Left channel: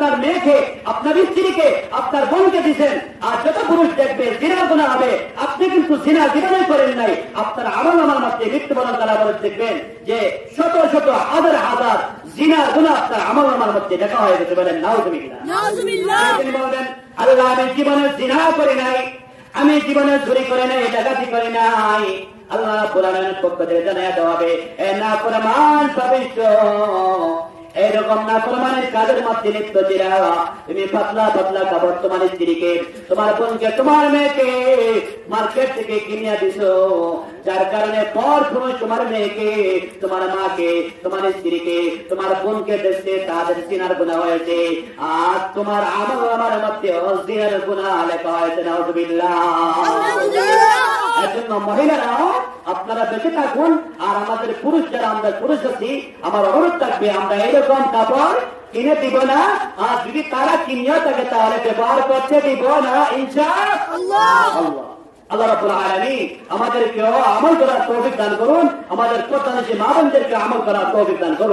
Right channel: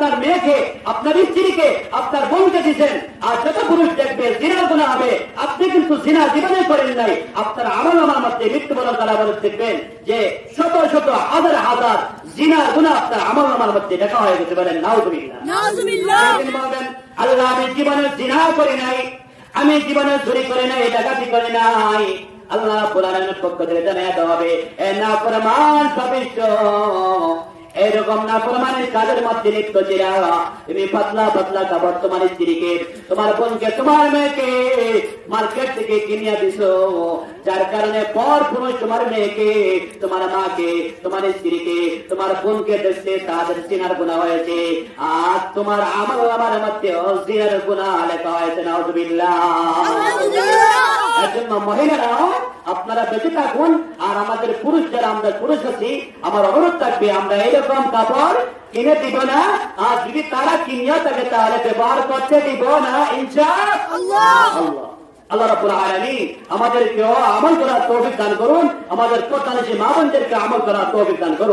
আপনার মেয়েকে, আপনার স্ত্রীকে, আপনার বোনকে দিচ্ছেন, আর যত পুরুষ দেখবে জিনার গুনাহ হবে, আপনি কিন্তু জিনা জীবনে করেন নাই, আপনার আমলনামার মধ্যে মৃত্যুবরণ তারা দেখবেন যে শত শত হাজার হাজার জিনার গুনাহ আপনার আমলনামার মধ্যে দেখা হয়ে গেছে। বলেন নাউযুবিল্লাহ। তিনি বলবেন, আল্লাহ আমি জীবনে জিনা করি নাই, আমি জীবনে চুরি করে নাই, ডাকাতি করে নাই। আল্লাহ রাব্বুল আলামিনের পক্ষ থেকে জানায়া দেওয়া হবে, এ নাফরমান সদস্য, এরকম নাফরমানের কাজের মধ্যে লিপ্ত ছিলা, তুমি পাতলা পাতলা কাপড় তোমার স্ত্রীকে, তোমার বোনকে, তোমার মেয়েকে মার্কেট থেকে কিনিয়া দিছো, যার কারণে পর সময় তোমার মেয়েকে, তোমার মাকে, তোমার স্ত্রীকে, তোমার বোনকে দেখতে তাদের সিনার গুনাহ হয়েছে, আর তোমার আমল আমার মধ্যে জিনার গুনাহ লেখা হয়েছে। নাউযুবিল্লাহ। এজন্য মহিলারাও আপনারা বেঁচে থাকুন, আর আমাদের পুরুষ যারা আমরা পুরুষ আছি, আমার অনুরোধ থাকবে আমরা এরকম কাপড় কিনে দিব না, আর যদি তারা কিনিয়ে থাকে তাহলে ব্যবহার করতে দিব না ইনশাআল্লাহ। আল্লাহ রাব্বুল আলামিন আমাদেরকে আমল করার তৌফিক দান করুন, আমাদের প্রধান যে মা বোনদেরকে আমল করার তৌফিক দান করুন।